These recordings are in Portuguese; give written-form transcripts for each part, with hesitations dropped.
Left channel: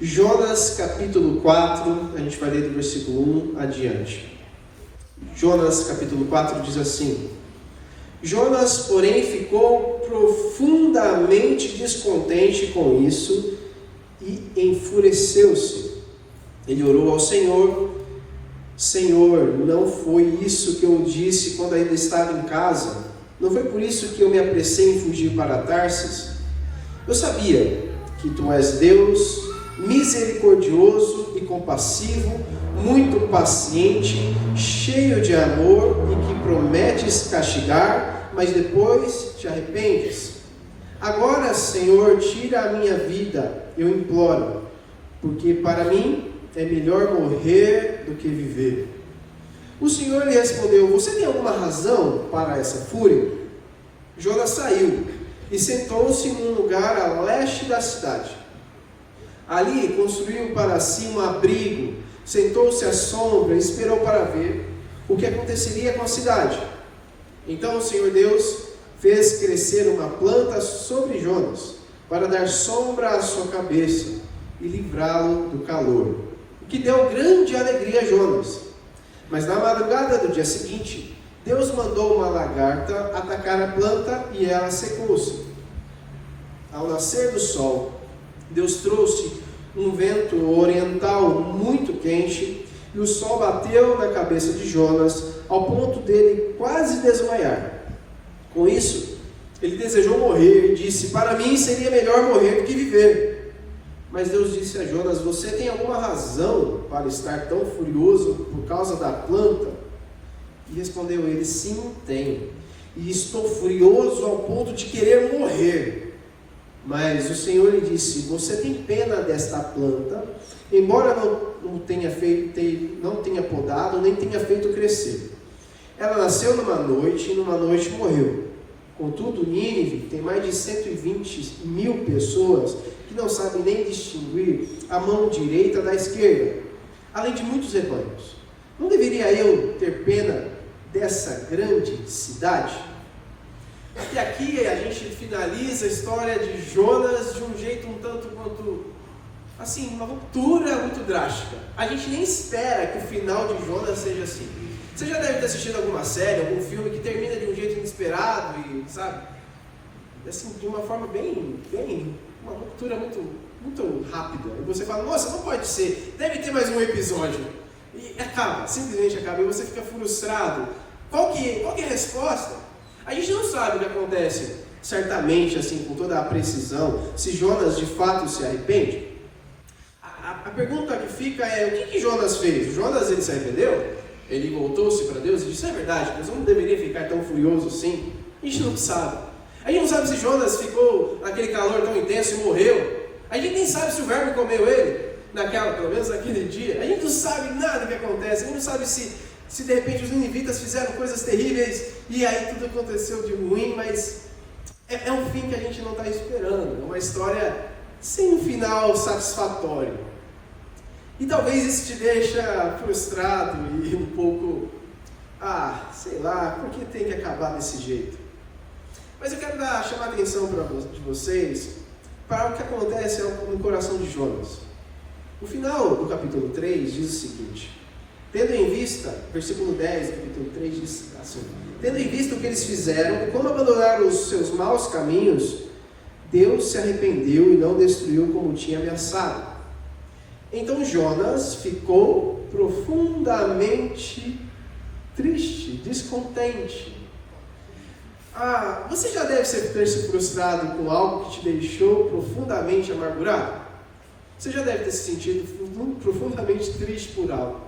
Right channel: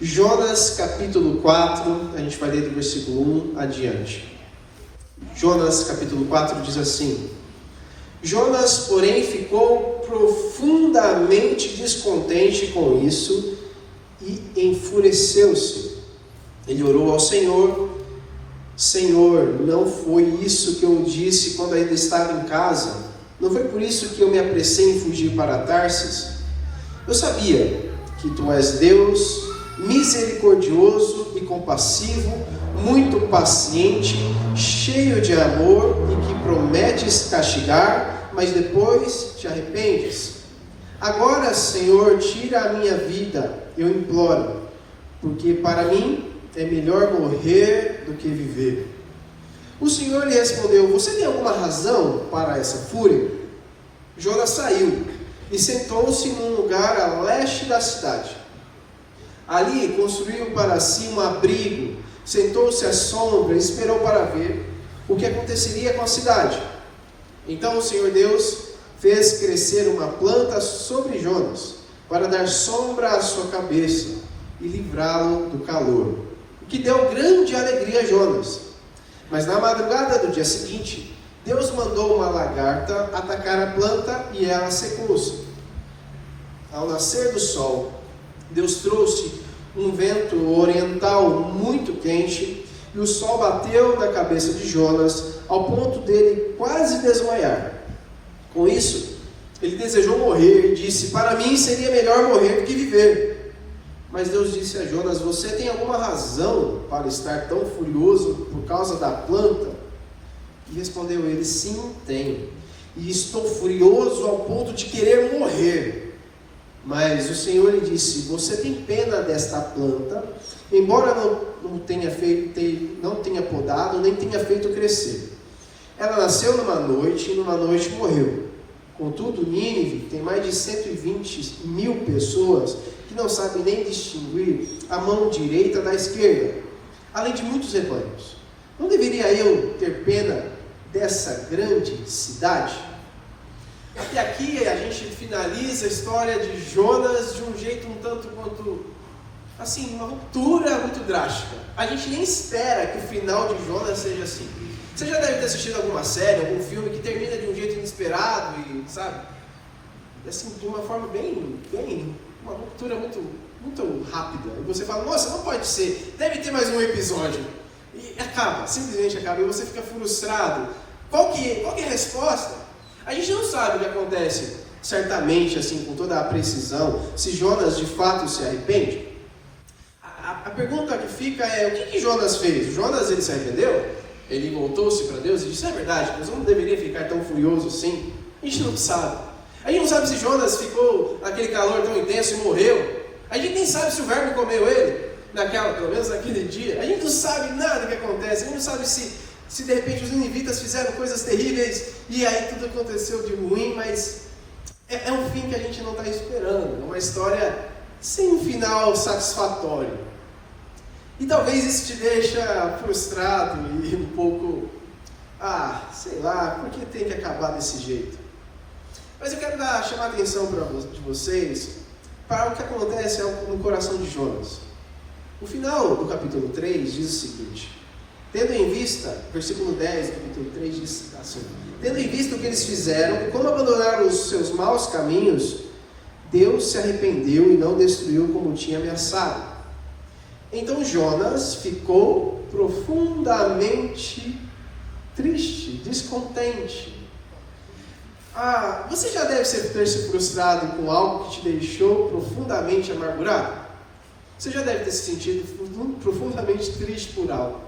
Jonas capítulo 4, a gente vai ler do versículo 1 adiante. Jonas capítulo 4 diz assim: Jonas, porém, ficou profundamente descontente com isso e enfureceu-se. Ele orou ao Senhor: Senhor, não foi isso que eu disse quando ainda estava em casa? Não foi por isso que eu me apressei em fugir para Tarsis? Eu sabia que Tu és Deus, misericordioso e compassivo, muito paciente, cheio de amor e que prometes castigar, mas depois te arrependes. Agora, Senhor, tira a minha vida, eu imploro, porque para mim é melhor morrer do que viver. O Senhor lhe respondeu: Você tem alguma razão para essa fúria? Jonas saiu e sentou-se num lugar a leste da cidade. Ali construiu para si um abrigo, sentou-se à sombra e esperou para ver o que aconteceria com a cidade. Então o Senhor Deus fez crescer uma planta sobre Jonas, para dar sombra à sua cabeça e livrá-lo do calor, o que deu grande alegria a Jonas. Mas na madrugada do dia seguinte, Deus mandou uma lagarta atacar a planta e ela secou-se. Ao nascer do sol, Deus trouxe um vento oriental muito quente e o sol bateu na cabeça de Jonas ao ponto dele quase desmaiar. Com isso, ele desejou morrer e disse: Para mim seria melhor morrer do que viver. Mas Deus disse a Jonas: Você tem alguma razão para estar tão furioso por causa da planta? E respondeu ele: Sim, tenho. E estou furioso ao ponto de querer morrer. Mas o Senhor lhe disse: Você tem pena desta planta, embora não tenha podado, nem tenha feito crescer. Ela nasceu numa noite e numa noite morreu. Contudo, Nínive tem mais de 120 mil pessoas que não sabem nem distinguir a mão direita da esquerda, além de muitos rebanhos. Não deveria eu ter pena dessa grande cidade? Até aqui a gente finaliza a história de Jonas de um jeito um tanto quanto, assim, uma ruptura muito drástica. A gente nem espera que o final de Jonas seja assim. Você já deve ter assistido alguma série, algum filme que termina de um jeito inesperado e, sabe, assim, de uma forma bem, uma ruptura muito rápida. E você fala: nossa, não pode ser, deve ter mais um episódio. E acaba, simplesmente acaba, e você fica frustrado. Qual que é a resposta? A gente não sabe o que acontece, certamente, assim, com toda a precisão, se Jonas de fato se arrepende. A pergunta que fica é: o que Jonas fez? Jonas, ele se arrependeu? Ele voltou-se para Deus e disse: é verdade, Deus não deveria ficar tão furioso assim. A gente não sabe. A gente não sabe se Jonas ficou naquele calor tão intenso e morreu. A gente nem sabe se o verbo comeu ele, pelo menos naquele dia. A gente não sabe nada do que acontece. A gente não sabe se de repente os ninivitas fizeram coisas terríveis e aí tudo aconteceu de ruim, mas é um fim que a gente não está esperando. É uma história sem um final satisfatório. E talvez isso te deixa frustrado e um pouco, sei lá, por que tem que acabar desse jeito? Mas eu quero chamar a atenção de vocês para o que acontece no coração de Jonas. O final do capítulo 3 diz o seguinte: tendo em vista, versículo 10 do capítulo 3 diz assim: tendo em vista o que eles fizeram, como abandonaram os seus maus caminhos, Deus se arrependeu e não destruiu como tinha ameaçado. Então Jonas ficou profundamente triste, descontente. Você já deve ter se frustrado com algo que te deixou profundamente amargurado? Você já deve ter se sentido profundamente triste por algo?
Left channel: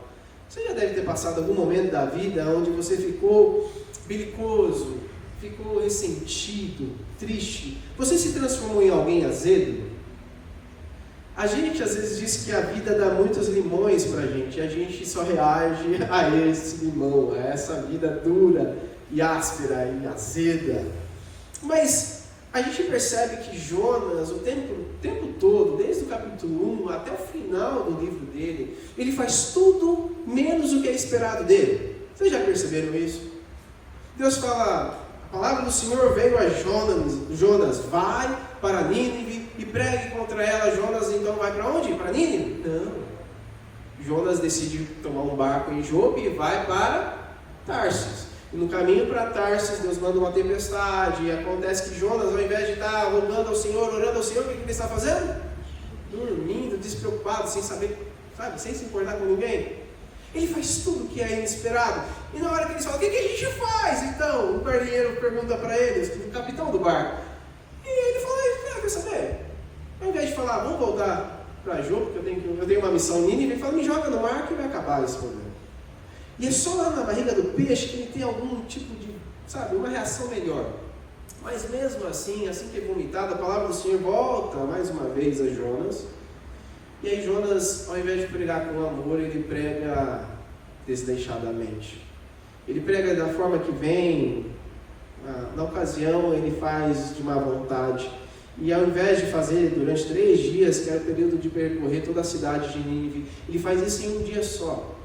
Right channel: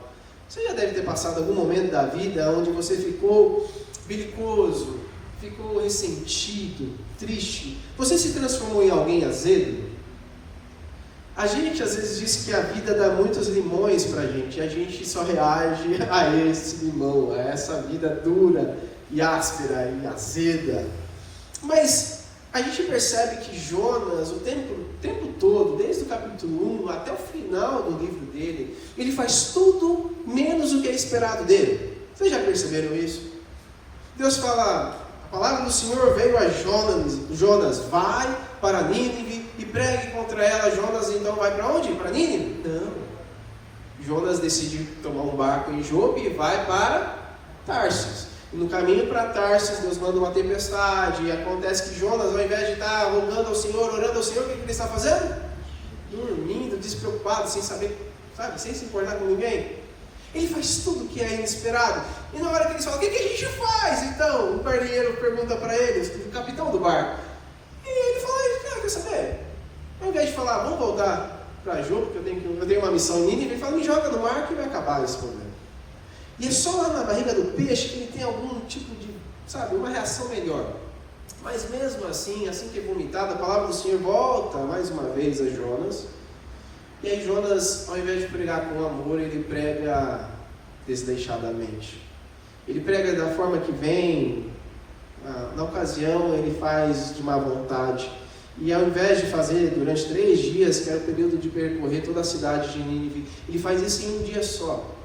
Você já deve ter passado algum momento da vida onde você ficou belicoso, ficou ressentido, triste? Você se transformou em alguém azedo? A gente às vezes diz que a vida dá muitos limões pra gente, e a gente só reage a esse limão, a essa vida dura e áspera e azeda. Mas a gente percebe que Jonas, o tempo todo, desde o capítulo 1 até o final do livro dele, ele faz tudo menos o que é esperado dele. Vocês já perceberam isso? Deus fala: a palavra do Senhor veio a Jonas: vai para Nínive e pregue contra para ela, Jonas então vai para onde? Para Nínive? Não. Jonas decide tomar um barco em Jope e vai para Tarsis. E no caminho para Tarsis, Deus manda uma tempestade, e acontece que Jonas, ao invés de estar rogando ao Senhor, orando ao Senhor, o que ele está fazendo? Dormindo, despreocupado, sem saber, sabe, sem se importar com ninguém. Ele faz tudo que é inesperado. E na hora que eles falam, o que a gente faz? Então, o marinheiro pergunta para eles, o capitão do barco. E ele fala, quer saber? Ao invés de falar, vamos voltar para Jope, porque eu tenho uma missão em Nínive, ele fala, me joga no mar que vai acabar esse problema. E é só lá na barriga do peixe que ele tem algum tipo de, sabe, uma reação melhor. Mas mesmo assim que é vomitado, a palavra do Senhor volta mais uma vez a Jonas. E aí Jonas, ao invés de pregar com amor, ele prega desleixadamente. Ele prega da forma que vem, na ocasião ele faz de má vontade. E ao invés de fazer durante 3 dias, que era o período de percorrer toda a cidade de Nínive, ele faz isso em um dia só.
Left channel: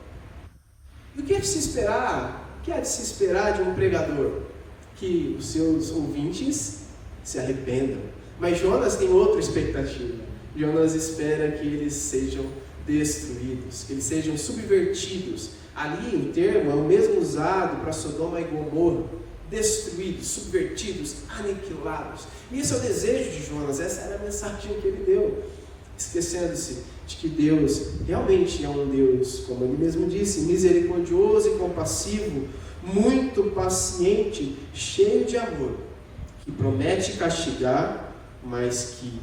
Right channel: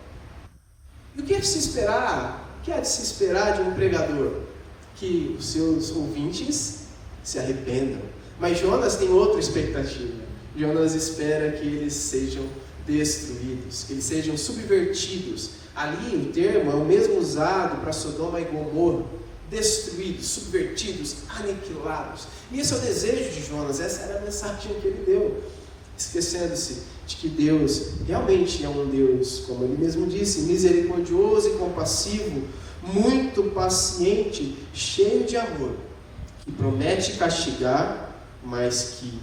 E o que é de se esperar? O que é de se esperar de um pregador? Que os seus ouvintes se arrependam. Mas Jonas tem outra expectativa. Jonas espera que eles sejam destruídos, que eles sejam subvertidos. Ali o termo é o mesmo usado para Sodoma e Gomorra. Destruídos, subvertidos, aniquilados. E esse é o desejo de Jonas, essa era a mensagem que ele deu. Esquecendo-se de que Deus realmente é um Deus, como ele mesmo disse, misericordioso e compassivo, muito paciente, cheio de amor, que promete castigar, mas que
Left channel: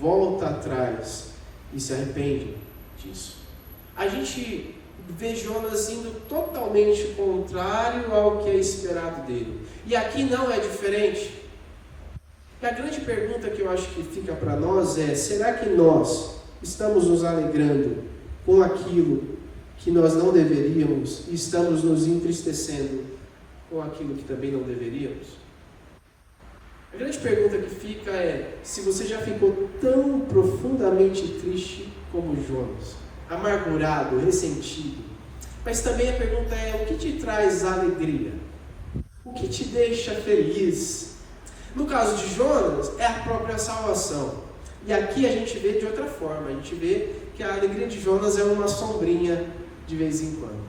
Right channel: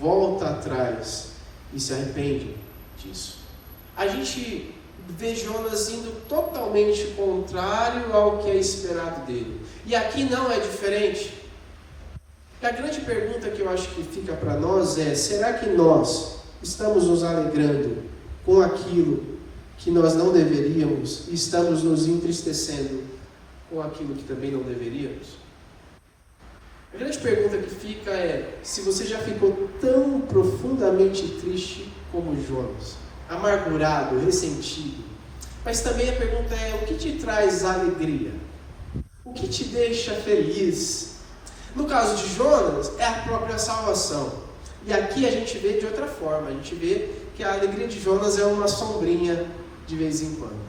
volta atrás e se arrepende disso. A gente vê Jonas indo totalmente contrário ao que é esperado dele. E aqui não é diferente. E a grande pergunta que eu acho que fica para nós é: será que nós estamos nos alegrando com aquilo que nós não deveríamos e estamos nos entristecendo com aquilo que também não deveríamos? A grande pergunta que fica é se você já ficou tão profundamente triste como Jonas, amargurado, ressentido. Mas também a pergunta é: o que te traz alegria? O que te deixa feliz? No caso de Jonas, é a própria salvação. E aqui a gente vê de outra forma. A gente vê que a alegria de Jonas é uma sombrinha de vez em quando.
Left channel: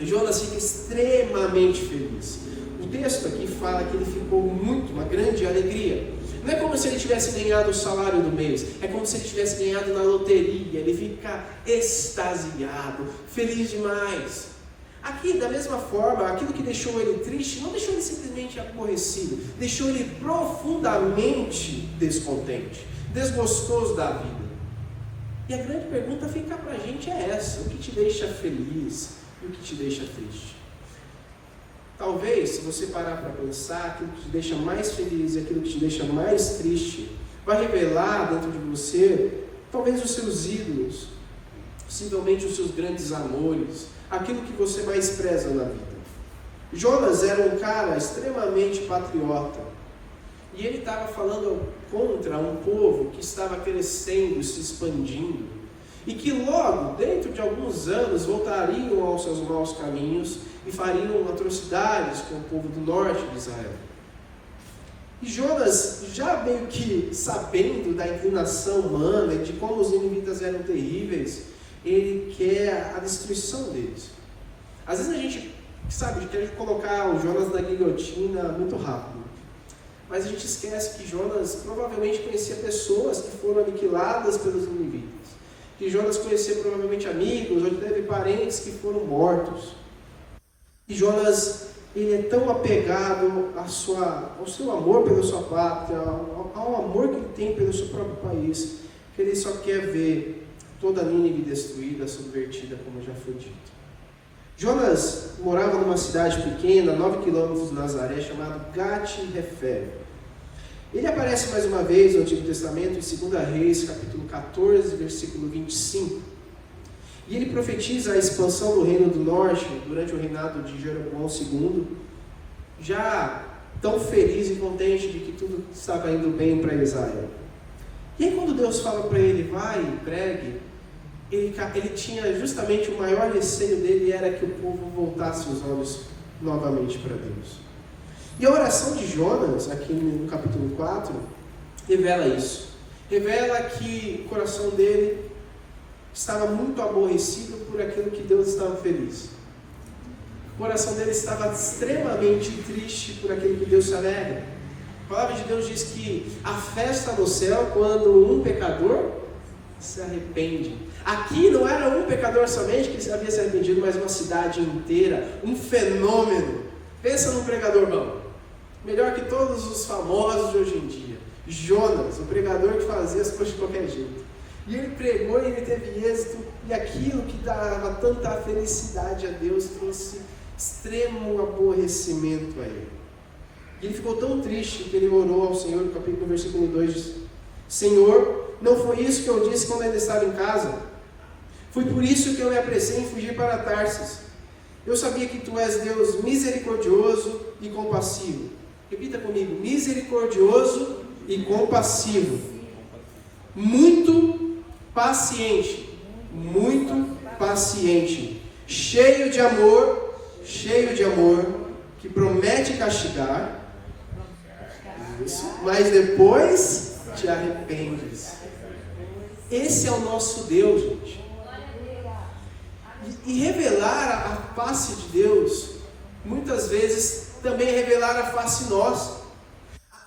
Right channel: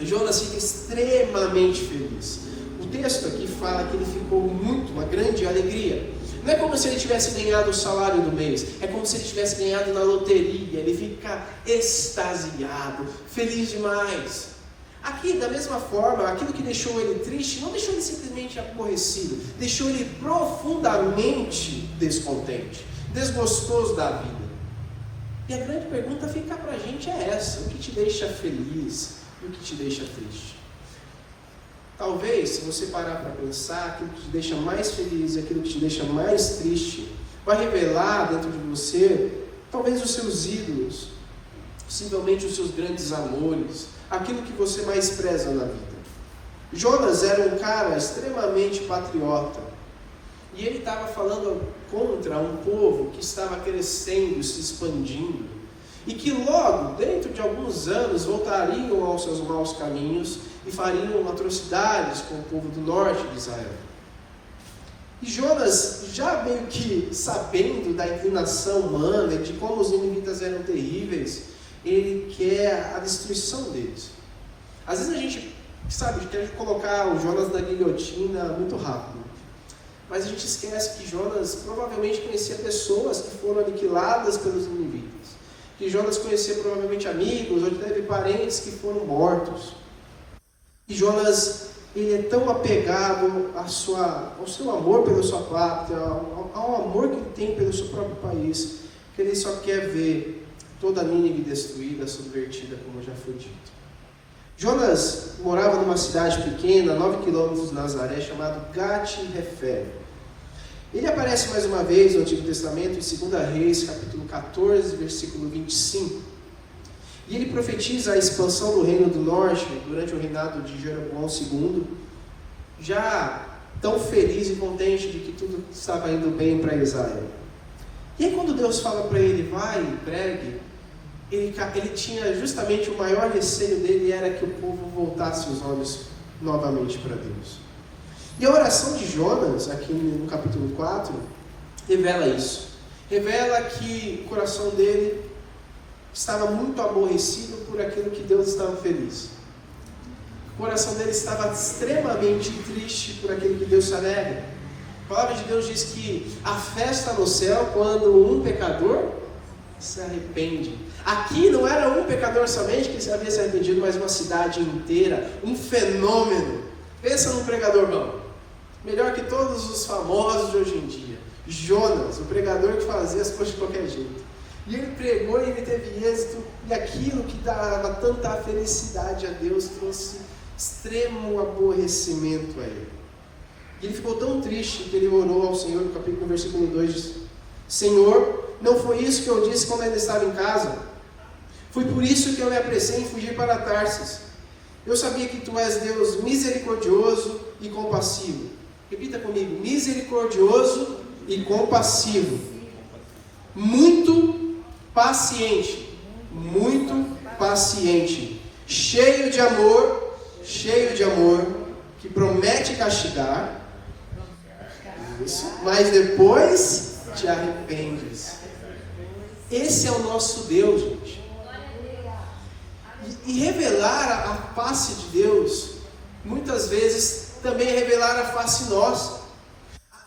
Jonas fica extremamente feliz. O texto aqui fala que ele ficou uma grande alegria. Não é como se ele tivesse ganhado o salário do mês. É como se ele tivesse ganhado na loteria. Ele fica extasiado, feliz demais. Aqui, da mesma forma, aquilo que deixou ele triste, não deixou ele simplesmente aborrecido, deixou ele profundamente descontente, desgostoso da vida. E a grande pergunta fica para a gente é essa: o que te deixa feliz, o que te deixa triste? Talvez, se você parar para pensar, aquilo que te deixa mais feliz e aquilo que te deixa mais triste, vai revelar dentro de você, talvez os seus ídolos, possivelmente os seus grandes amores, aquilo que você mais preza na vida. Jonas era um cara extremamente patriota. E ele estava falando contra um povo que estava crescendo, se expandindo. E que logo, dentro de alguns anos, voltariam aos seus maus caminhos e fariam atrocidades com o povo do norte de Israel. E Jonas, já meio que sabendo da inclinação humana e de como os ninivitas eram terríveis, ele quer a destruição deles. Às vezes a gente, sabe, quer colocar o Jonas na guilhotina muito rápido. Mas a gente esquece que Jonas provavelmente conhecia pessoas que foram aniquiladas pelos ninivitas. Que Jonas conhecia provavelmente amigos ou teve parentes que foram mortos. E Jonas, ele é tão apegado ao seu amor pela sua pátria, ao amor que ele tem pelo seu próprio país, que ele só quer ver toda a Nínive destruída, subvertida, como já foi dito. Jonas morava numa cidade pequena, a 9 quilômetros de Nazaré, chamada Gat-Hefer. Ele aparece mais uma vez no Antigo Testamento, em 2 Reis, capítulo 14, versículo 25. E ele profetiza a expansão do reino do norte durante o reinado de Jeroboão II, já tão feliz e contente de que tudo estava indo bem para Israel. E aí quando Deus fala para ele, vai e pregue, ele tinha justamente o maior receio dele, era que o povo voltasse os olhos novamente para Deus. E a oração de Jonas, aqui no capítulo 4, revela isso. revela que o coração dele estava muito aborrecido por aquilo que Deus estava feliz. O coração dele estava extremamente triste por aquilo que Deus se alegra. A palavra de Deus diz que a festa no céu quando um pecador se arrepende. Aqui não era um pecador somente que havia se arrependido, mas uma cidade inteira, um fenômeno. Pensa num pregador bom, melhor que todos os famosos de hoje em dia. Jonas, o pregador que fazia as coisas de qualquer jeito. E ele pregou e ele teve êxito, e aquilo que dava tanta felicidade a Deus trouxe extremo aborrecimento a ele. E ele ficou tão triste que ele orou ao Senhor, no versículo 2 diz: Senhor, não foi isso que eu disse quando ainda estava em casa? Foi por isso que eu me apressei em fugir para Tarsis. Eu sabia que tu és Deus misericordioso e compassivo. Repita comigo: misericordioso e compassivo. Muito paciente, cheio de amor, que promete castigar, mas depois te arrependes. Esse é o nosso Deus, gente. E revelar a face de Deus, muitas vezes, também é revelar a face nossa.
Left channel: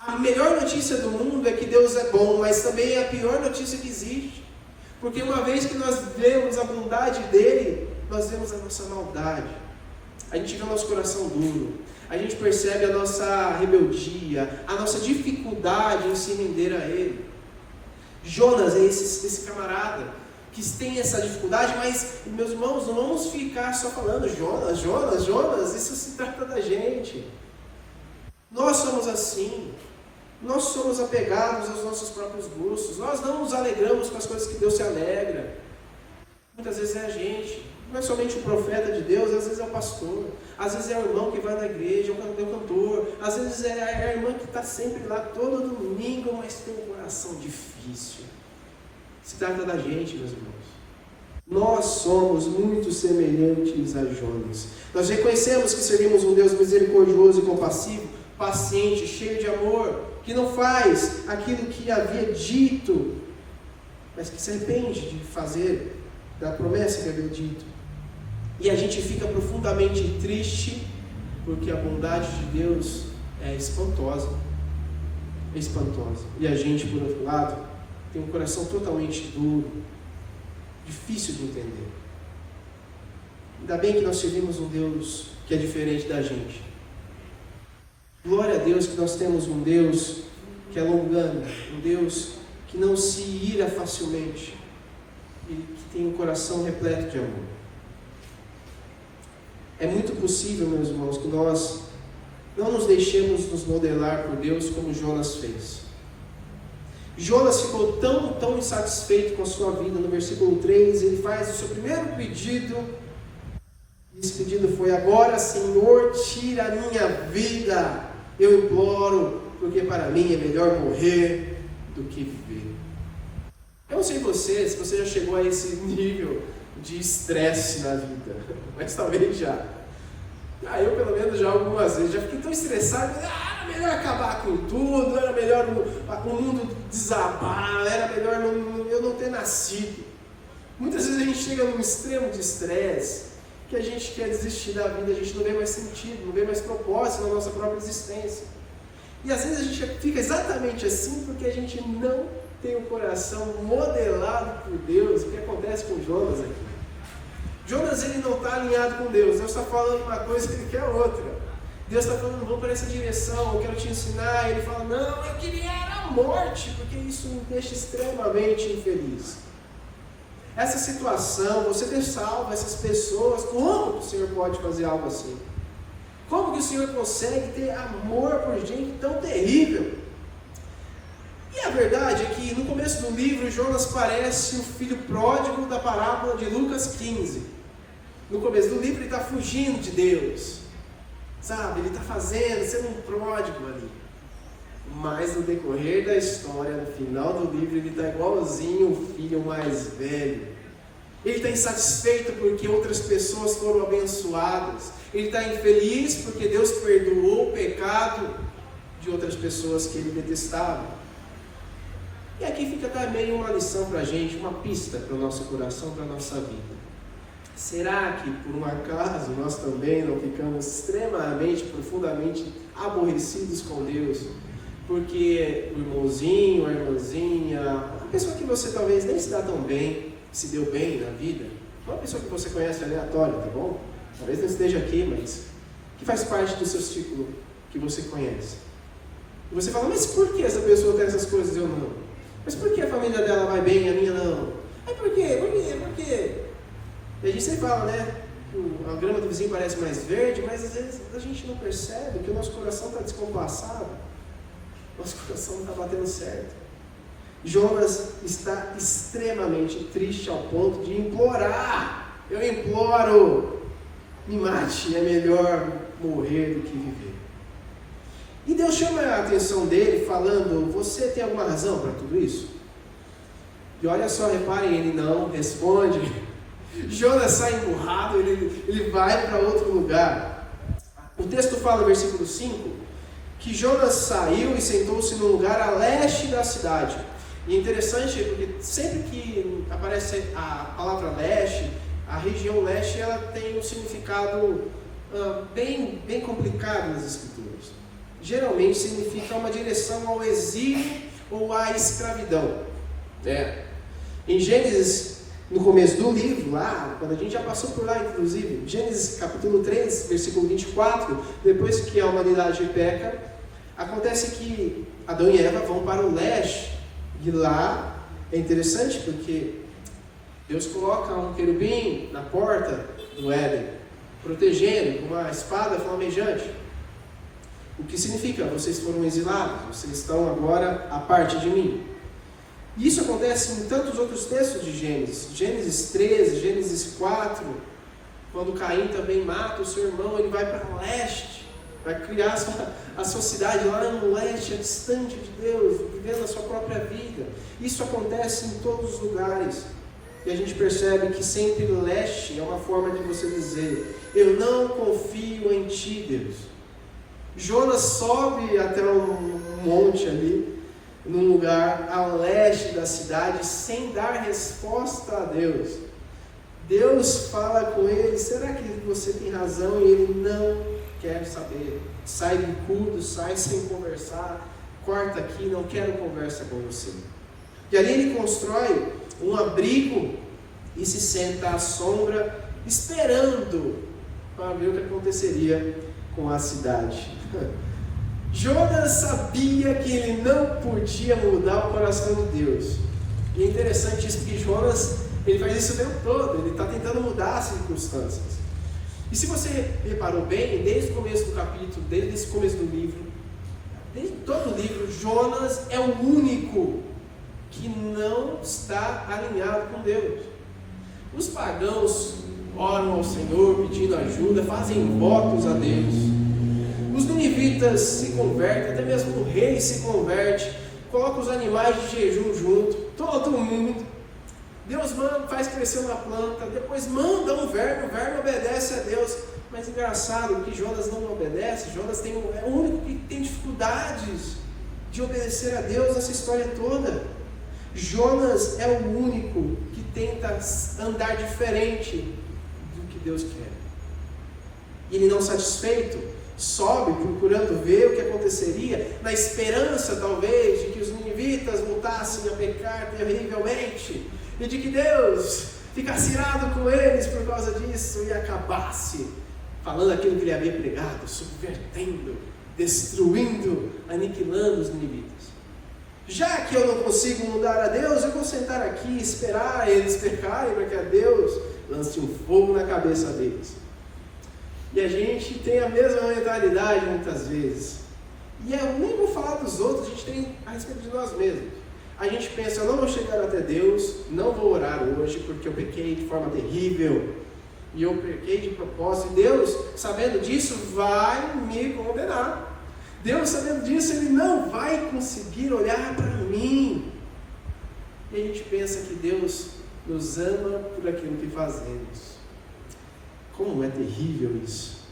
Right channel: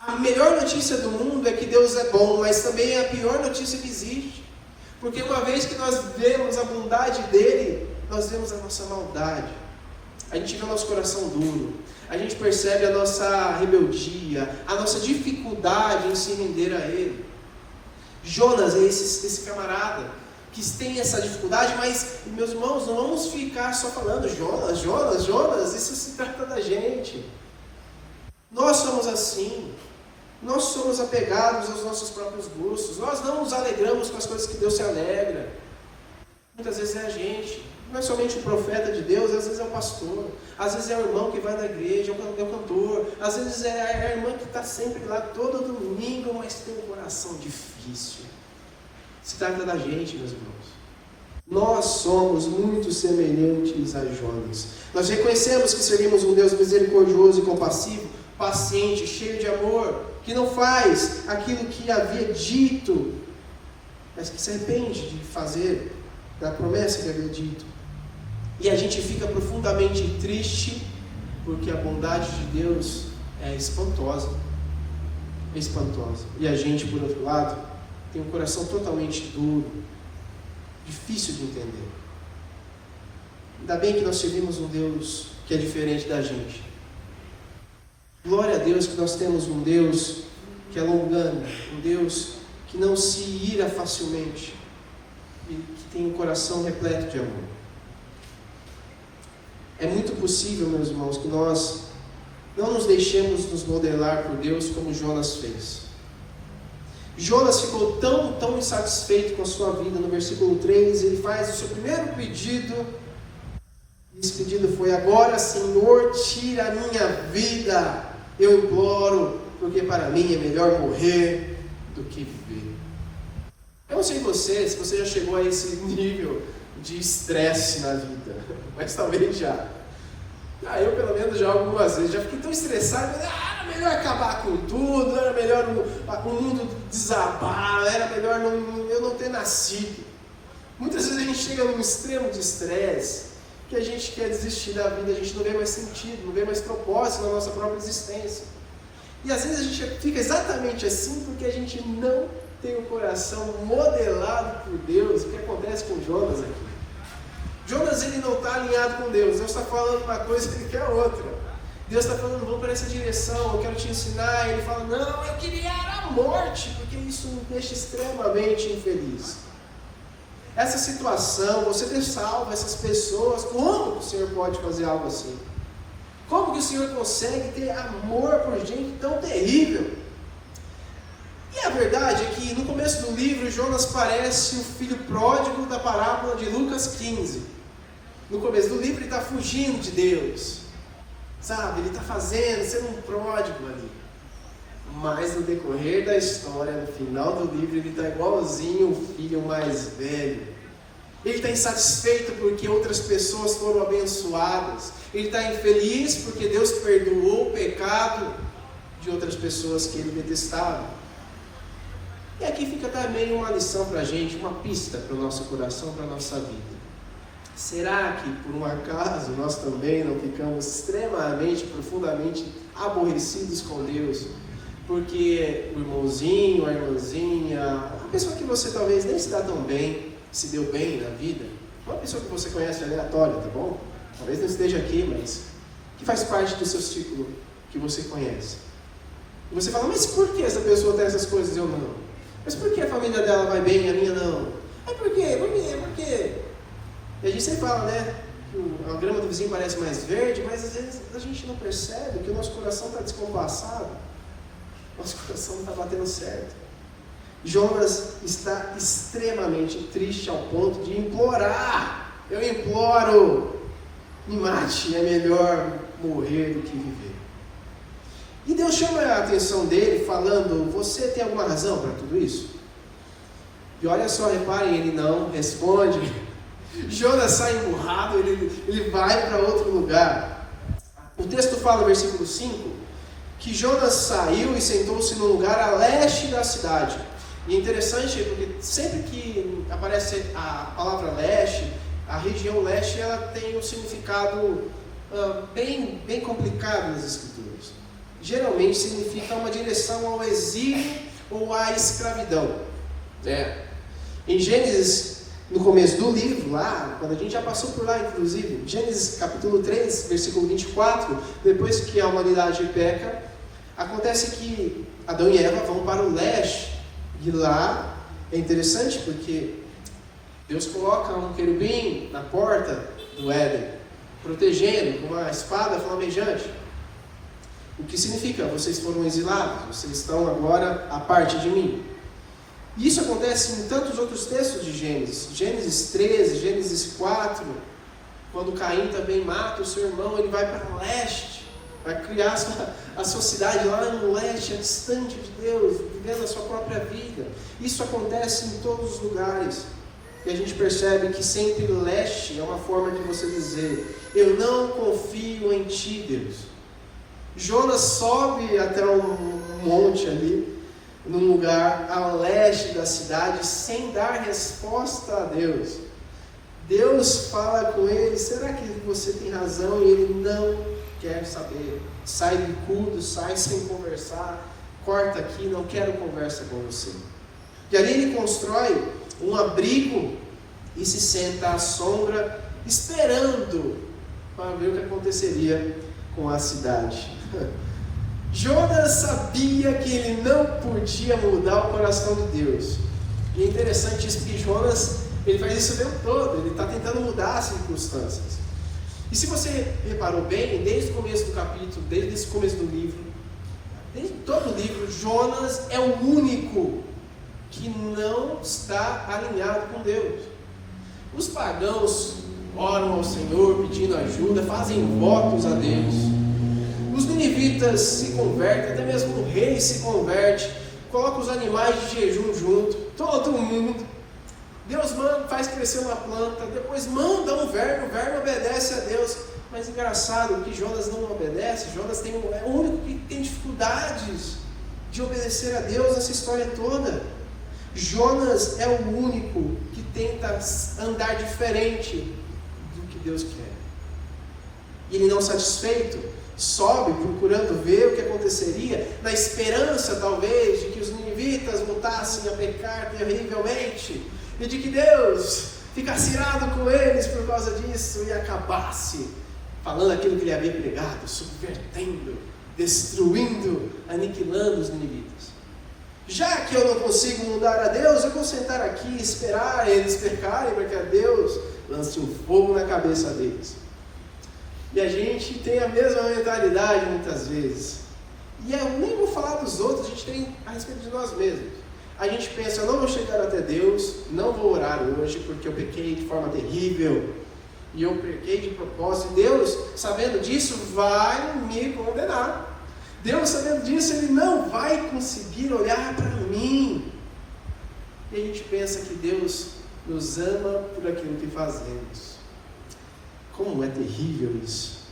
A melhor notícia do mundo é que Deus é bom, mas também é a pior notícia que existe. Porque uma vez que nós vemos a bondade dele, nós vemos a nossa maldade. A gente vê o nosso coração duro. A gente percebe a nossa rebeldia, a nossa dificuldade em se render a ele. Jonas é esse camarada que tem essa dificuldade, mas, meus irmãos, não vamos ficar só falando Jonas, isso se trata da gente. Nós somos assim. Nós somos apegados aos nossos próprios gostos. Nós não nos alegramos com as coisas que Deus se alegra. Muitas vezes é a gente. Não é somente o profeta de Deus, às vezes é o pastor. Às vezes é o irmão que vai na igreja, é o cantor. Às vezes é a irmã que está sempre lá todo domingo, mas tem um coração difícil. Se trata da gente, meus irmãos. Nós somos muito semelhantes a Jonas. Nós reconhecemos que servimos um Deus misericordioso e compassivo, paciente, cheio de amor, que não faz aquilo que havia dito, mas que se arrepende de fazer da promessa que havia dito. E a gente fica profundamente triste, porque a bondade de Deus é espantosa. E a gente, por outro lado, tem um coração totalmente duro, difícil de entender. Ainda bem que nós servimos um Deus que é diferente da gente. Glória a Deus que nós temos um Deus que é longânimo, um Deus que não se ira facilmente e que tem um coração repleto de amor. É muito possível, meus irmãos, que nós não nos deixemos nos modelar por Deus como Jonas fez. Jonas ficou tão insatisfeito com a sua vida. No versículo 3, ele faz o seu primeiro pedido. Esse pedido foi: agora, Senhor, tira a minha vida. Eu imploro, porque para mim é melhor morrer do que viver. Eu não sei se você já chegou a esse nível de estresse na vida, mas talvez já. Eu pelo menos já algumas vezes, já fiquei tão estressado, era melhor acabar com tudo, era melhor o mundo desabar, era melhor eu não ter nascido. Muitas vezes a gente chega num extremo de estresse, que a gente quer desistir da vida, a gente não vê mais sentido, não vê mais propósito na nossa própria existência. E às vezes a gente fica exatamente assim porque a gente não tem o coração modelado por Deus. O que acontece com Jonas aqui? Jonas, ele não está alinhado com Deus. Deus está falando uma coisa e ele quer outra. Deus está falando: vamos para essa direção, eu quero te ensinar. E ele fala: não, eu queria a morte, porque isso me deixa extremamente infeliz. Essa situação, você ter salvo essas pessoas, como o Senhor pode fazer algo assim? Como que o Senhor consegue ter amor por gente tão terrível? E a verdade é que no começo do livro, Jonas parece o filho pródigo da parábola de Lucas 15. No começo do livro ele está fugindo de Deus, sabe? Ele está sendo um pródigo ali. Mas no decorrer da história, no final do livro, ele está igualzinho o filho mais velho. Ele está insatisfeito porque outras pessoas foram abençoadas. Ele está infeliz porque Deus perdoou o pecado de outras pessoas que ele detestava. E aqui fica também uma lição para a gente, uma pista para o nosso coração, para a nossa vida. Será que, por um acaso, nós também não ficamos extremamente, profundamente aborrecidos com Deus? Porque o irmãozinho, a irmãzinha, a pessoa que você talvez nem se dá tão bem, se deu bem na vida, uma pessoa que você conhece aleatória, tá bom? Talvez não esteja aqui, mas que faz parte do seu círculo que você conhece. E você fala, mas por que essa pessoa tem essas coisas e eu não? Mas por que a família dela vai bem e a minha não? Mas por quê? Por quê? E a gente sempre fala, né? A grama do vizinho parece mais verde, mas às vezes a gente não percebe que o nosso coração está descompassado. Nosso coração não está batendo certo. Jonas está extremamente triste ao ponto de implorar. Eu imploro, me mate, é melhor morrer do que viver. E Deus chama a atenção dele falando, você tem alguma razão para tudo isso? E olha só, reparem, ele não responde. Jonas sai emburrado, ele vai para outro lugar. O texto fala no versículo 5, que Jonas saiu e sentou-se num lugar a leste da cidade. E é interessante porque sempre que aparece a palavra leste, a região leste ela tem um significado bem complicado nas Escrituras. Geralmente significa uma direção ao exílio ou à escravidão. Em Gênesis, no começo do livro, lá, quando a gente já passou por lá, inclusive, Gênesis capítulo 3, versículo 24, depois que a humanidade peca, acontece que Adão e Eva vão para o leste. E lá é interessante porque Deus coloca um querubim na porta do Éden, protegendo com uma espada flamejante. O que significa? Vocês foram exilados, vocês estão agora à parte de mim. E isso acontece em tantos outros textos de Gênesis. Gênesis 13, Gênesis 4, quando Caim também mata o seu irmão, ele vai para o leste, vai criar a sua cidade lá no leste, distante de Deus, vivendo a sua própria vida. Isso acontece em todos os lugares. E a gente percebe que sempre leste é uma forma de você dizer, eu não confio em ti, Deus. Jonas sobe até um monte ali, num lugar a leste da cidade, sem dar resposta a Deus. Deus fala com ele, será que você tem razão? E ele não quer saber. Sai do culto, sai sem conversar, corta aqui, não quero conversa com você. E ali ele constrói um abrigo e se senta à sombra, esperando para ver o que aconteceria com a cidade. Jonas sabia que ele não podia mudar o coração de Deus. E é interessante isso, porque Jonas ele faz isso o tempo todo, ele está tentando mudar as circunstâncias. E se você reparou bem, desde o começo do capítulo, desde o começo do livro, desde todo o livro, Jonas é o único que não está alinhado com Deus. Os pagãos oram ao Senhor pedindo ajuda, fazem votos a Deus. Os ninivitas se convertem, até mesmo o rei se converte, coloca os animais de jejum junto, todo mundo. Deus manda, faz crescer uma planta, depois manda um verme, o verme obedece a Deus. Mas engraçado que Jonas não obedece, Jonas é o único que tem dificuldades de obedecer a Deus nessa história toda. Jonas é o único que tenta andar diferente do que Deus quer. E ele não satisfeito, sobe procurando ver o que aconteceria, na esperança talvez de que os ninivitas voltassem a pecar terrivelmente, e de que Deus ficasse irado com eles por causa disso e acabasse falando aquilo que ele havia pregado, subvertendo, destruindo, aniquilando os ninivitas. Já que eu não consigo mudar a Deus, eu vou sentar aqui e esperar eles pecarem para que a Deus lance um fogo na cabeça deles. E a gente tem a mesma mentalidade muitas vezes. E eu nem vou falar dos outros, a gente tem a respeito de nós mesmos. A gente pensa, eu não vou chegar até Deus, não vou orar hoje porque eu pequei de forma terrível. E eu pequei de propósito. E Deus, sabendo disso, vai me condenar. Deus, sabendo disso, Ele não vai conseguir olhar para mim. E a gente pensa que Deus nos ama por aquilo que fazemos. Como é terrível isso.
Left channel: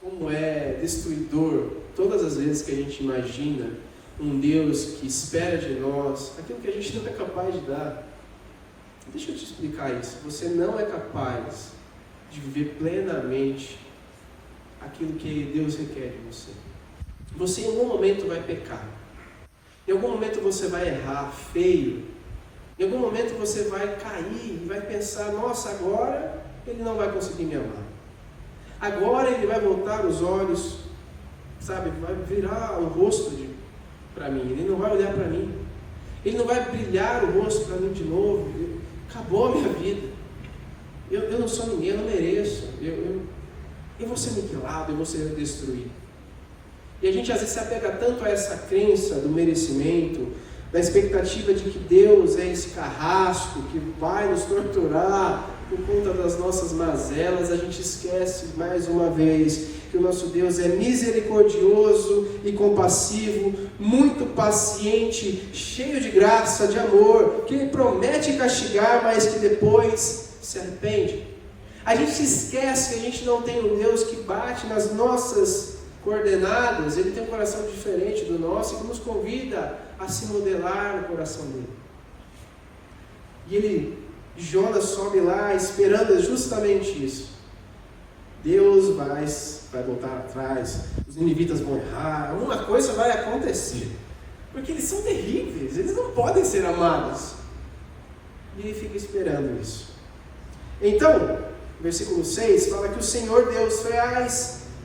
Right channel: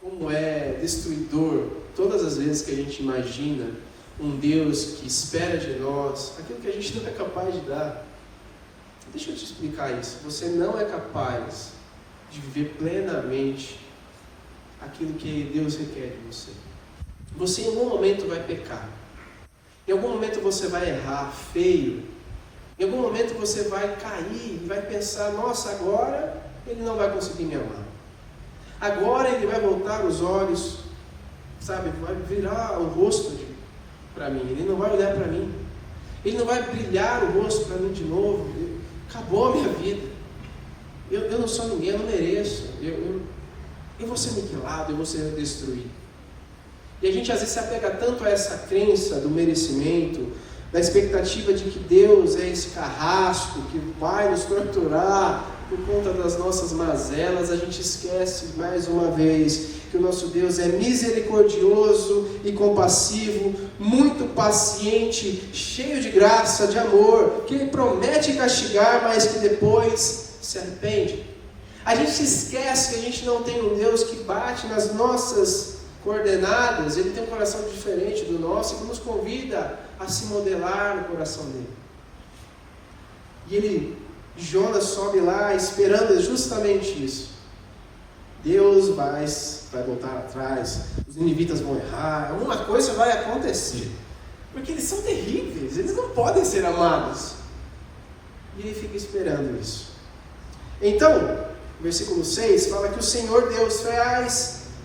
Como é destruidor todas as vezes que a gente imagina um Deus que espera de nós aquilo que a gente não é capaz de dar. Deixa eu te explicar isso. Você não é capaz de viver plenamente aquilo que Deus requer de você. Você em algum momento vai pecar. Em algum momento você vai errar feio. Em algum momento você vai cair e vai pensar, nossa, agora ele não vai conseguir me amar. Agora ele vai voltar os olhos, sabe, vai virar o rosto para mim. Ele não vai olhar para mim. Ele não vai brilhar o rosto para mim de novo. Acabou a minha vida. Eu não sou ninguém, eu não mereço. Eu vou ser mutilado, eu vou ser destruído. E a gente às vezes se apega tanto a essa crença do merecimento, da expectativa de que Deus é esse carrasco que vai nos torturar por conta das nossas mazelas. A gente esquece mais uma vez que o nosso Deus é misericordioso e compassivo, muito paciente, cheio de graça, de amor, que Ele promete castigar, mas que depois se arrepende. A gente se esquece que a gente não tem um Deus que bate nas nossas coordenadas. Ele tem um coração diferente do nosso e que nos convida a se modelar no coração dele. E Jonas sobe lá esperando justamente isso. Deus vai voltar atrás, os ninivitas vão errar, alguma coisa vai acontecer. Porque eles são terríveis, eles não podem ser amados. E ele fica esperando isso. Então, versículo 6 fala que o Senhor Deus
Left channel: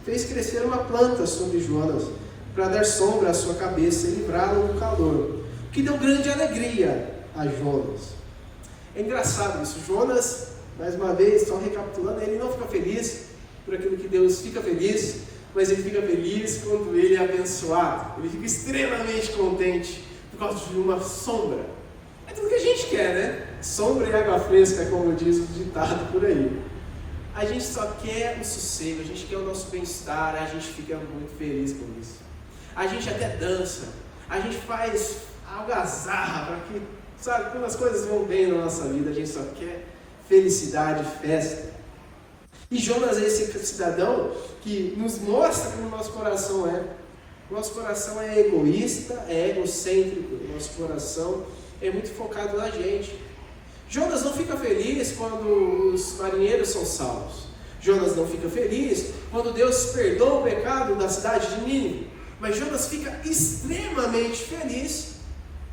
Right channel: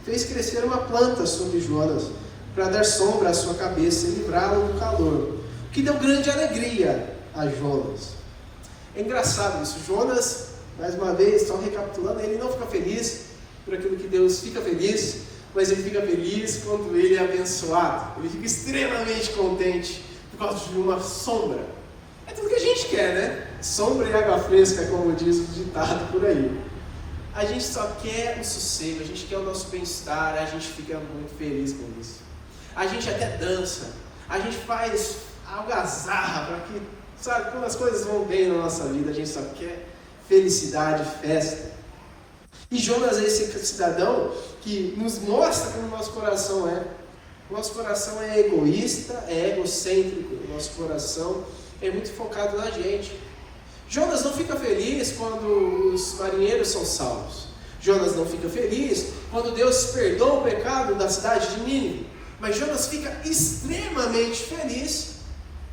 fez crescer uma planta sobre Jonas, para dar sombra à sua cabeça e livrá-lo do calor, o que deu grande alegria a Jonas. É engraçado isso. Jonas, mais uma vez, só recapitulando, ele não fica feliz por aquilo que Deus fica feliz, mas ele fica feliz quando ele é abençoado. Ele fica extremamente contente por causa de uma sombra. É tudo que a gente quer, né? Sombra e água fresca, como diz o ditado por aí. A gente só quer o sossego, a gente quer o nosso bem-estar, a gente fica muito feliz com isso. A gente até dança, a gente faz algazarra para que, sabe, quando as coisas vão bem na nossa vida, a gente só quer felicidade, festa. E Jonas é esse cidadão que nos mostra como o nosso coração é. O nosso coração é egoísta, é egocêntrico, o nosso coração é muito focado na gente. Jonas não fica feliz quando os marinheiros são salvos. Jonas não fica feliz quando Deus perdoa o pecado da cidade de Nínive. Mas Jonas fica extremamente feliz,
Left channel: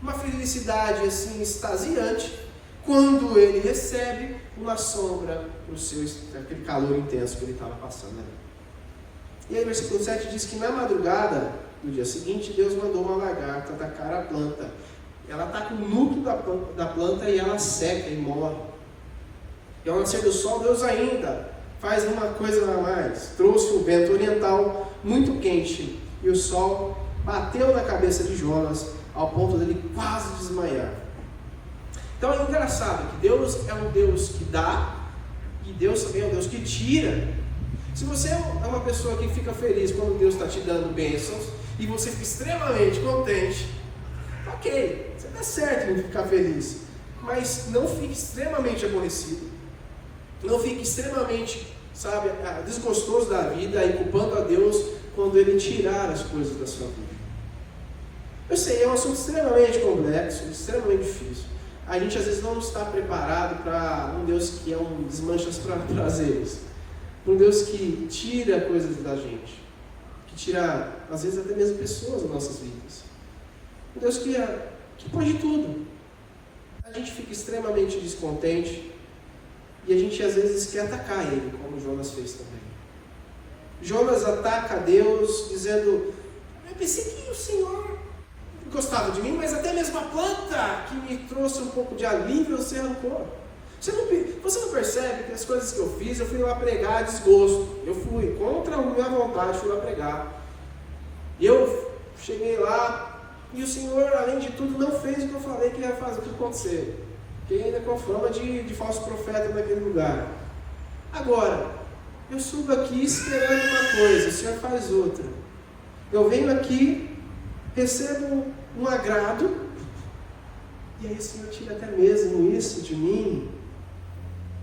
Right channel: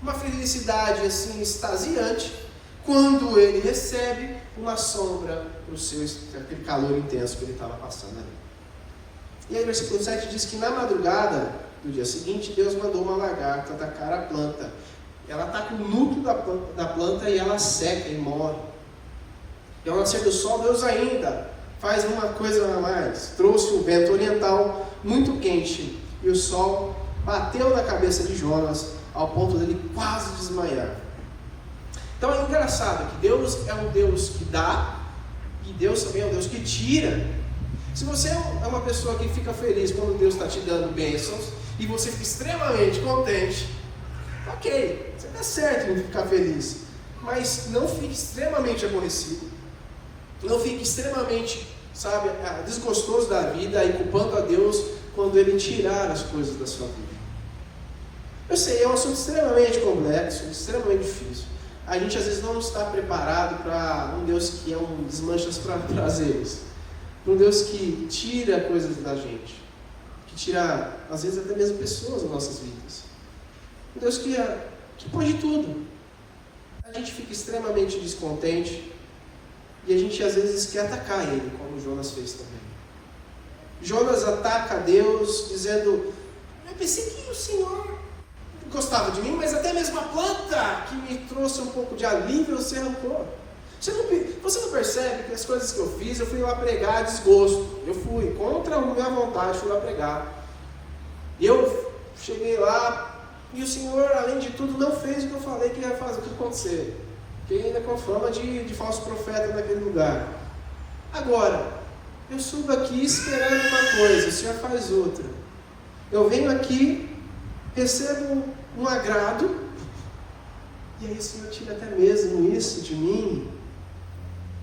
uma felicidade assim extasiante, quando ele recebe uma sombra por aquele calor intenso que ele estava passando ali. E aí, versículo 7 diz que na madrugada, no dia seguinte, Deus mandou uma lagarta atacar a planta. Ela ataca o núcleo da planta e ela seca e morre. E ao nascer do sol, Deus ainda faz uma coisa a mais. Trouxe um vento oriental muito quente e o sol bateu na cabeça de Jonas ao ponto dele quase desmaiar. Então é engraçado que Deus é um Deus que dá e Deus também é um Deus que tira. Se você é uma pessoa que fica feliz quando Deus está te dando bênçãos e você fica extremamente contente, ok, você está certo em ficar feliz, mas não fique extremamente aborrecido, não fique extremamente, sabe, desgostoso da vida e culpando a Deus quando Ele tirar as coisas da sua vida. Eu sei, é um assunto extremamente complexo, extremamente difícil. A gente às vezes não está preparado para um Deus que é um desmanchas para prazeres, um Deus que tira coisas da gente, que tira, às vezes, até mesmo pessoas das nossas vidas. Um Deus que pode tudo. A gente fica extremamente descontente e a gente às vezes quer atacar Ele, como Jonas fez também. Jonas ataca a Deus dizendo: eu pensei que o Senhor gostava de mim, mas até mesmo a planta que me trouxe um pouco de alívio você arrancou. Você não percebe que as coisas que eu fiz, eu fui lá pregar a desgosto. Eu fui contra a minha vontade, fui lá pregar. E eu cheguei lá e o Senhor, além de tudo, não fez o que eu falei que ia fazer, o que acontecer. Fiquei ainda com fama de falso profeta naquele lugar. Agora, eu subo aqui esperando uma coisa, o Senhor faz outra. Eu venho aqui, recebo um agrado, e aí o Senhor tira até mesmo isso de mim.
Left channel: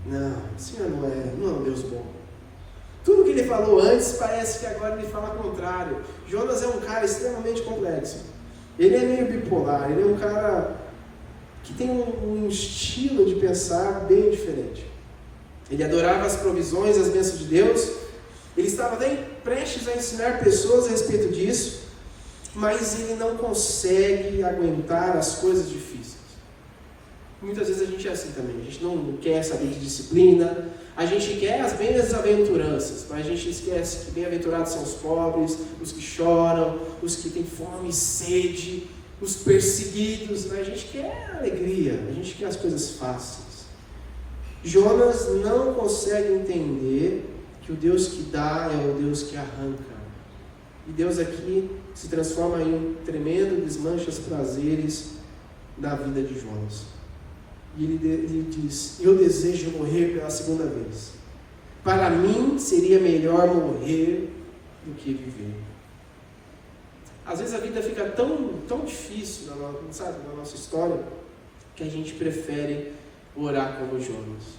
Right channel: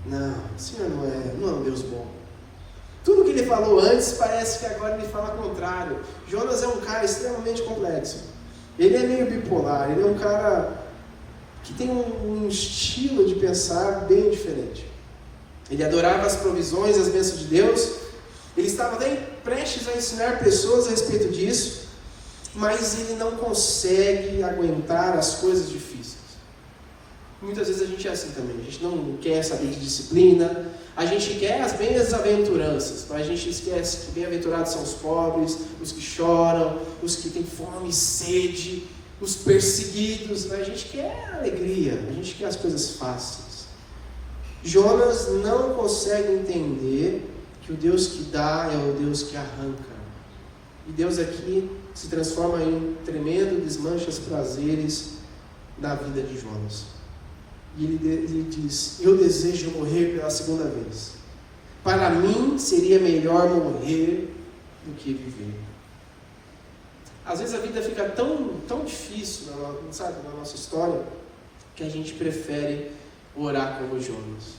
Não, o Senhor não é um Deus bom. Tudo que Ele falou antes, parece que agora Ele fala o contrário. Jonas é um cara extremamente complexo. Ele é meio bipolar, ele é um cara que tem um estilo de pensar bem diferente. Ele adorava as provisões, as bênçãos de Deus. Ele estava bem prestes a ensinar pessoas a respeito disso, mas ele não consegue aguentar as coisas difíceis. Muitas vezes a gente é assim também. A gente não quer saber de disciplina, a gente quer as bem-aventuranças, mas a gente esquece que bem-aventurados são os pobres, os que choram, os que têm fome e sede, os perseguidos. Mas a gente quer alegria, a gente quer as coisas fáceis. Jonas não consegue entender que o Deus que dá é o Deus que arranca. E Deus aqui se transforma em um tremendo desmancha os prazeres da vida de Jonas. E ele diz: eu desejo morrer pela segunda vez. Para mim seria melhor morrer do que viver. Às vezes a vida fica tão difícil na nossa história, que a gente prefere orar como Jonas.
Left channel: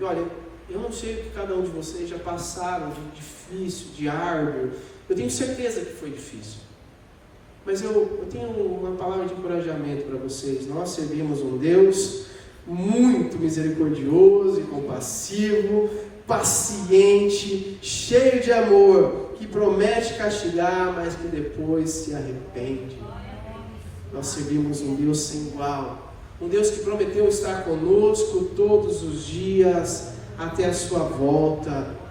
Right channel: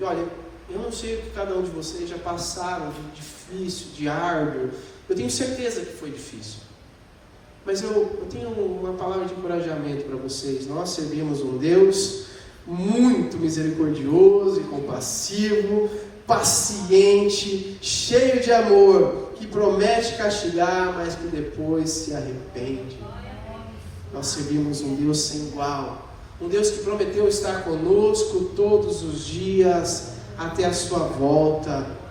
E olha, eu não sei o que cada um de vocês já passaram de difícil, de árduo. Eu tenho certeza que foi difícil. Mas eu tenho uma palavra de encorajamento para vocês. Nós servimos um Deus muito misericordioso e compassivo, paciente, cheio de amor, que promete castigar, mas que depois se arrepende. Nós servimos um Deus sem igual. Um Deus que prometeu estar conosco todos os dias, até a sua volta.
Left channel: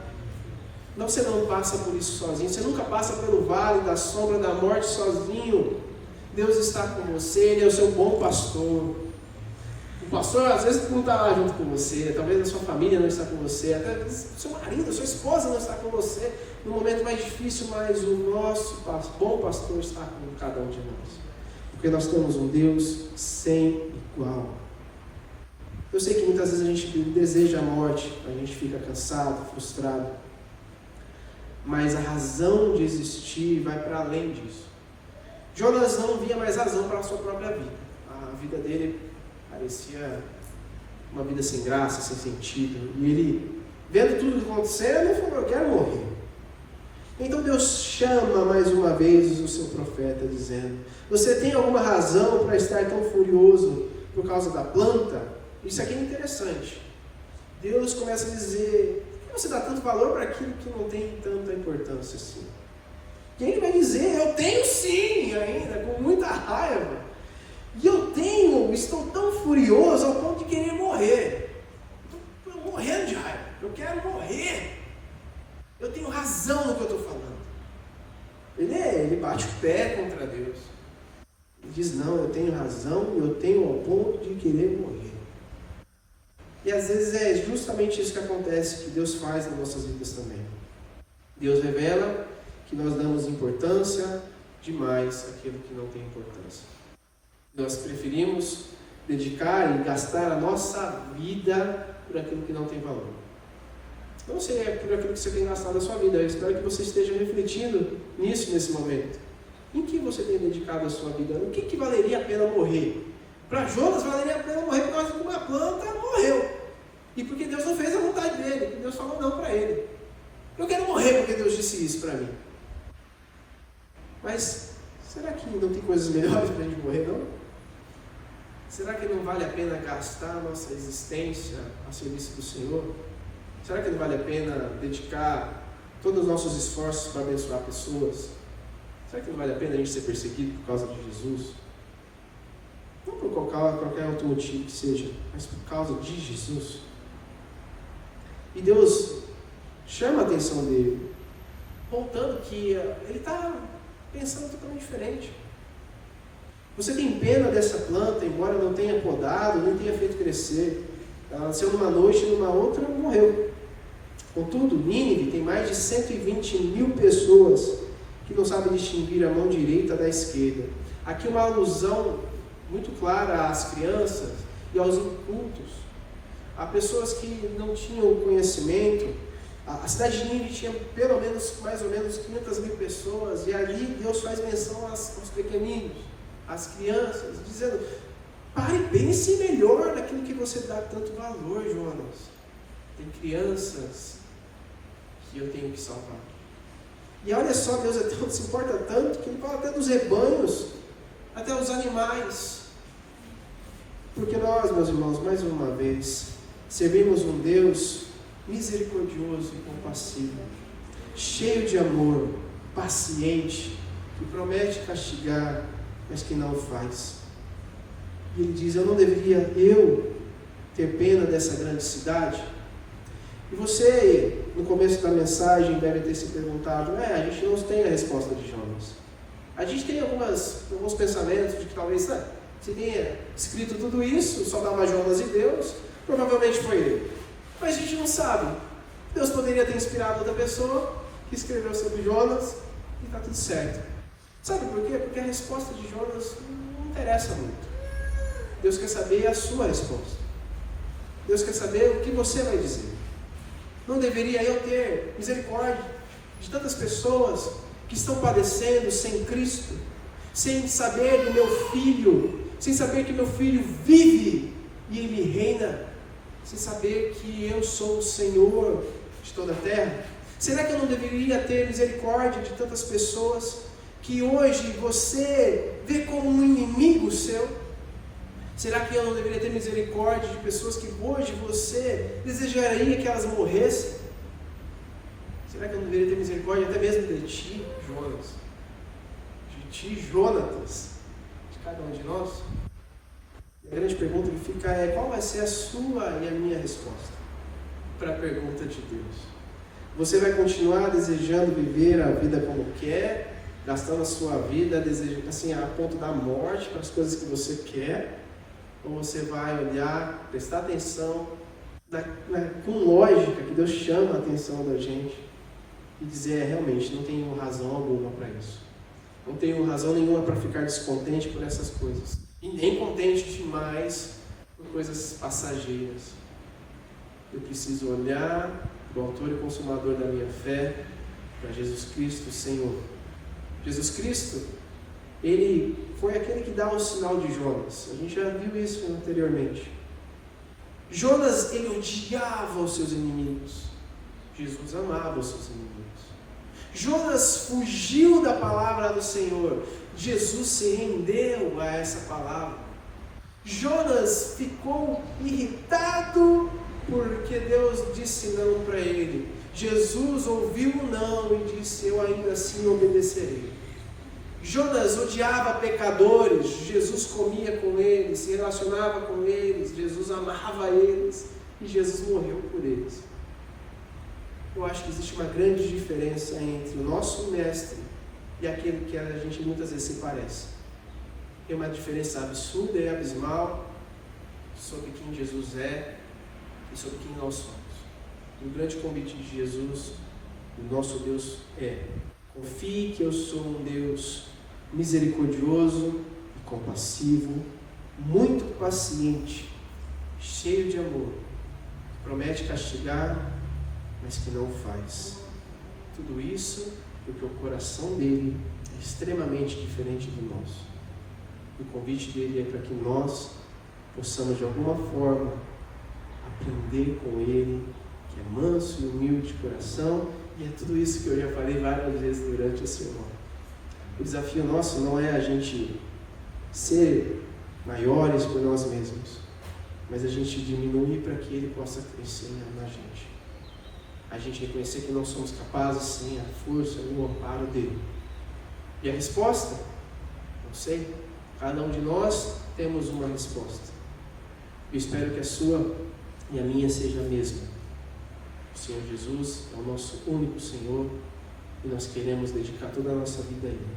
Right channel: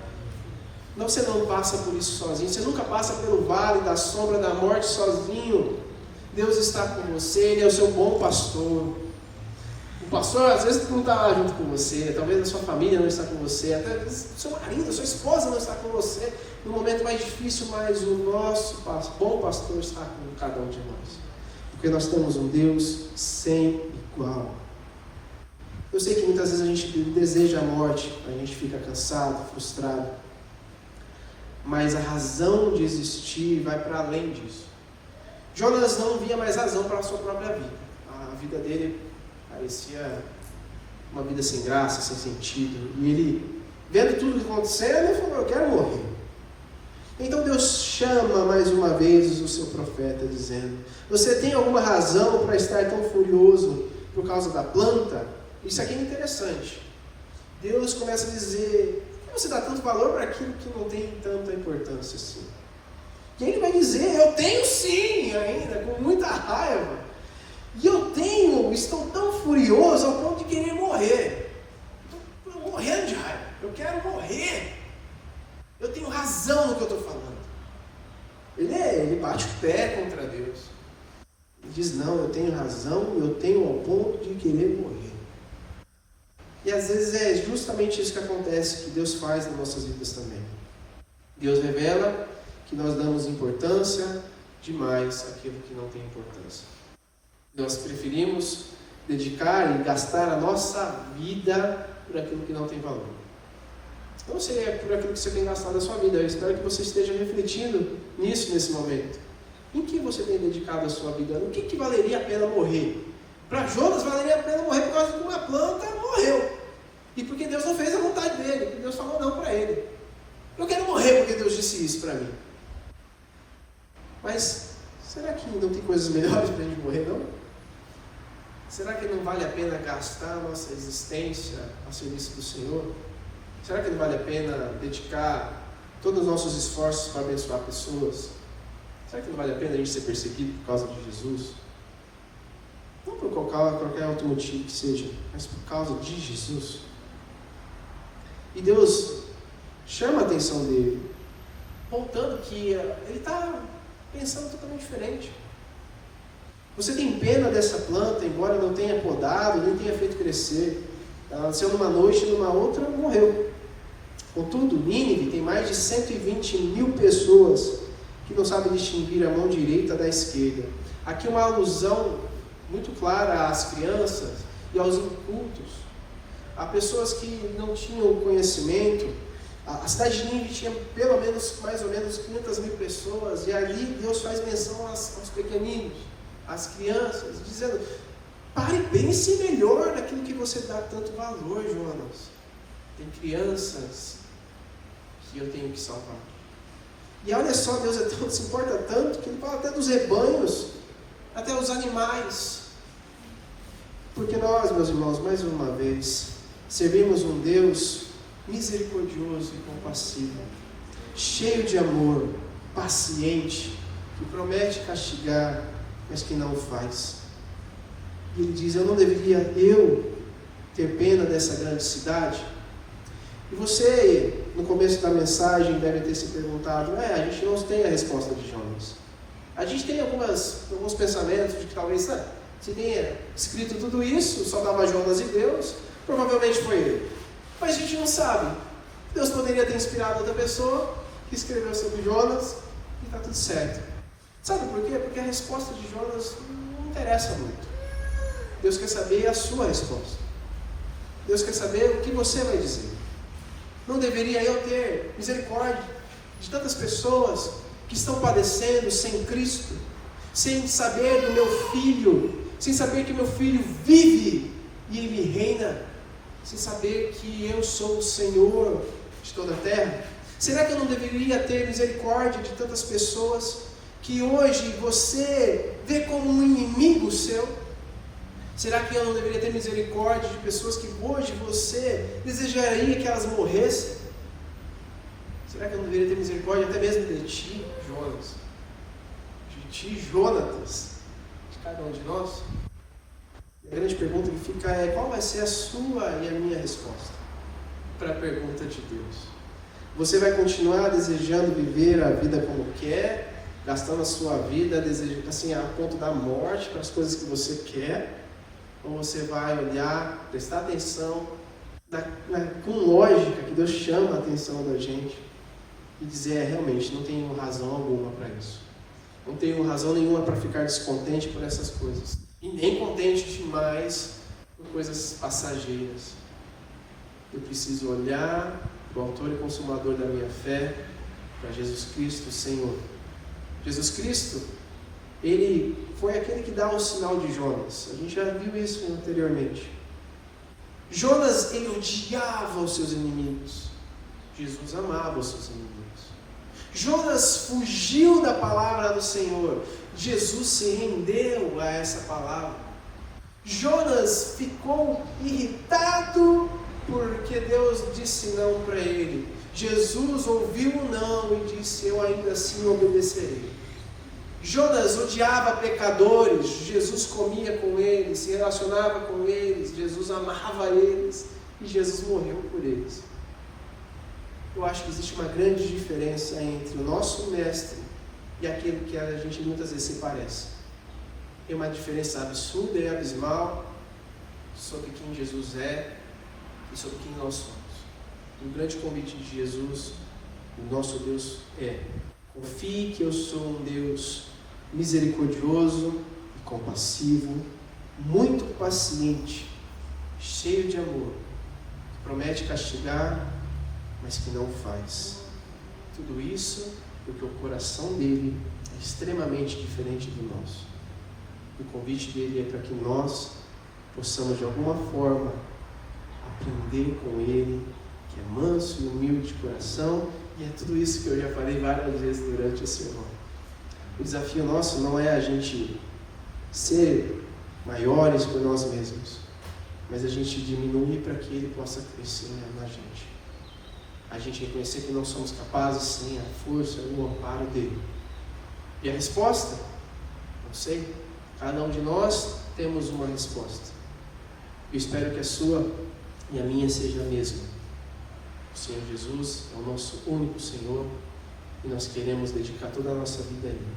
Não, você não passa por isso sozinho, você nunca passa pelo vale da sombra da morte sozinho. Deus está com você, Ele é o seu bom pastor. O pastor às vezes não está lá junto com você, talvez a sua família não está com você, até o seu marido, a sua esposa não está com você no momento mais difícil, mas o nosso bom pastor está com cada um de nós. Porque nós temos um Deus sem igual. Eu sei que muitas vezes a gente deseja a morte, a gente fica cansado, frustrado. Mas a razão de existir vai para além disso. Jonas não via mais razão para a sua própria vida. A vida dele parecia uma vida sem graça, sem sentido. E ele, vendo tudo acontecendo, ele falou: eu quero morrer. Então Deus chama mais uma vez o seu profeta, dizendo: você tem alguma razão para estar tão furioso por causa da planta? Isso aqui é interessante. Deus começa a dizer: por que você dá tanto valor para aquilo que não tem tanta importância assim? E ele vai dizer: eu tenho sim, ainda, com muita raiva. E estou tão furioso ao ponto de querer morrer. Estou morrendo de raiva, eu quero morrer. Eu tenho razão no que eu estou falando. Ele bate o pé contra Deus. Ele diz: não, eu tenho razão, eu tenho ao ponto de querer morrer. E às vezes é justamente isso que acontece, que Deus faz nas nossas vidas também. Deus revela que nós damos importância demais àquilo que não tem importância. Nós preferimos dedicar e gastar a nossa vida por aquilo que não tem valor. Eu não sei por aquilo que você tem gastado a sua vida. Eu espero que você esteja refletindo nisso nesse momento. Em que você tem dedicado a sua vida? O que valeria a pena morrer? Para Jonas valeria a pena morrer por causa de uma planta morreu. E porque Deus não fez a vontade dele, porque Deus falou não para ele. Eu quero morrer porque Deus disse isso para mim. Mas será que não tem coisas melhores para a gente morrer, não? Será que não vale a pena gastar a nossa existência a serviço do Senhor? Será que não vale a pena dedicar todos os nossos esforços para abençoar pessoas? Será que não vale a pena a gente ser perseguido por causa de Jesus? Não por qualquer outro motivo que seja, mas por causa de Jesus. E Deus chama a atenção dele, voltando que ele está pensando totalmente diferente. Você tem pena dessa planta, embora não tenha podado, nem tenha feito crescer. Ela nasceu numa noite e numa outra morreu. Contudo, Nínive tem mais de 120.000 pessoas que não sabem distinguir a mão direita da esquerda. Aqui uma alusão muito clara às crianças e aos incultos. Há pessoas que não tinham conhecimento. A cidade de Nínive tinha mais ou menos 500.000 pessoas, e ali Deus faz menção aos pequeninos, às crianças, dizendo: pare e pense melhor naquilo que você dá tanto valor, Jonas. Tem crianças que eu tenho que salvar. E olha só, Deus se importa tanto que Ele fala até dos rebanhos, até os animais. Porque nós, meus irmãos, mais uma vez, servimos um Deus misericordioso e compassivo, cheio de amor, paciente, que promete castigar, mas que não faz. E Ele diz: eu não deveria ter pena dessa grande cidade? E você, no começo da mensagem, deve ter se perguntado: a gente não tem a resposta de Jonas. A gente tem alguns pensamentos de que talvez se tenha escrito tudo isso, só dava Jonas e Deus, provavelmente foi ele. Mas a gente não sabe. Deus poderia ter inspirado outra pessoa que escreveu sobre Jonas e está tudo certo. Sabe por quê? Porque a resposta de Jonas não interessa muito. Deus quer saber a sua resposta. Deus quer saber o que você vai dizer. Não deveria eu ter misericórdia de tantas pessoas que estão padecendo sem Cristo, sem saber do meu filho, sem saber que meu filho vive e ele reina, sem saber que eu sou o Senhor de toda a terra? Será que eu não deveria ter misericórdia de tantas pessoas que hoje você vê como um inimigo seu? Será que eu não deveria ter misericórdia de pessoas que hoje você desejaria que elas morressem? Será que eu não deveria ter misericórdia até mesmo de ti, Jonas? De ti, Jonatas? De cada um de nós? E a grande pergunta que fica é: qual vai ser a sua e a minha resposta para a pergunta de Deus? Você vai continuar desejando viver a vida como quer, gastando a sua vida assim, a ponto da morte para as coisas que você quer? Ou você vai olhar, prestar atenção com lógica, que Deus chama a atenção da gente e dizer: realmente, não tenho razão alguma para isso. Não tenho razão nenhuma para ficar descontente por essas coisas. E nem contente demais por coisas passageiras. Eu preciso olhar para o autor e consumador da minha fé, para Jesus Cristo, Senhor. Jesus Cristo, Ele foi aquele que dá o sinal de Jonas. A gente já viu isso anteriormente. Jonas, ele odiava os seus inimigos. Jesus amava os seus inimigos. Jonas fugiu da palavra do Senhor. Jesus se rendeu a essa palavra. Jonas ficou irritado porque Deus disse não para ele. Jesus ouviu o não e disse: eu ainda assim obedecerei. Jonas odiava pecadores, Jesus comia com eles, se relacionava com eles, Jesus amava eles e Jesus morreu por eles. Eu acho que existe uma grande diferença entre o nosso mestre e aquele que a gente muitas vezes se parece. Tem uma diferença absurda e abismal sobre quem Jesus é e sobre quem nós somos. O grande convite de Jesus, o nosso Deus, é: confie que eu sou um Deus misericordioso e compassivo, muito paciente, cheio de amor, que promete castigar, mas que não faz. Tudo isso porque o coração dele é extremamente diferente do nosso. O convite dele é para que nós possamos de alguma forma aprender com ele, que é manso e humilde de coração, e é tudo isso que eu já falei várias vezes durante o sermão. O desafio nosso não é a gente ser maiores por nós mesmos, mas a gente diminuir para que ele possa crescer na gente. A gente reconhecer que não somos capazes sem a força e o amparo dele. E a resposta? Não sei. Cada um de nós temos uma resposta. Eu espero que a sua e a minha seja a mesma. O Senhor Jesus é o nosso único Senhor e nós queremos dedicar toda a nossa vida a Ele.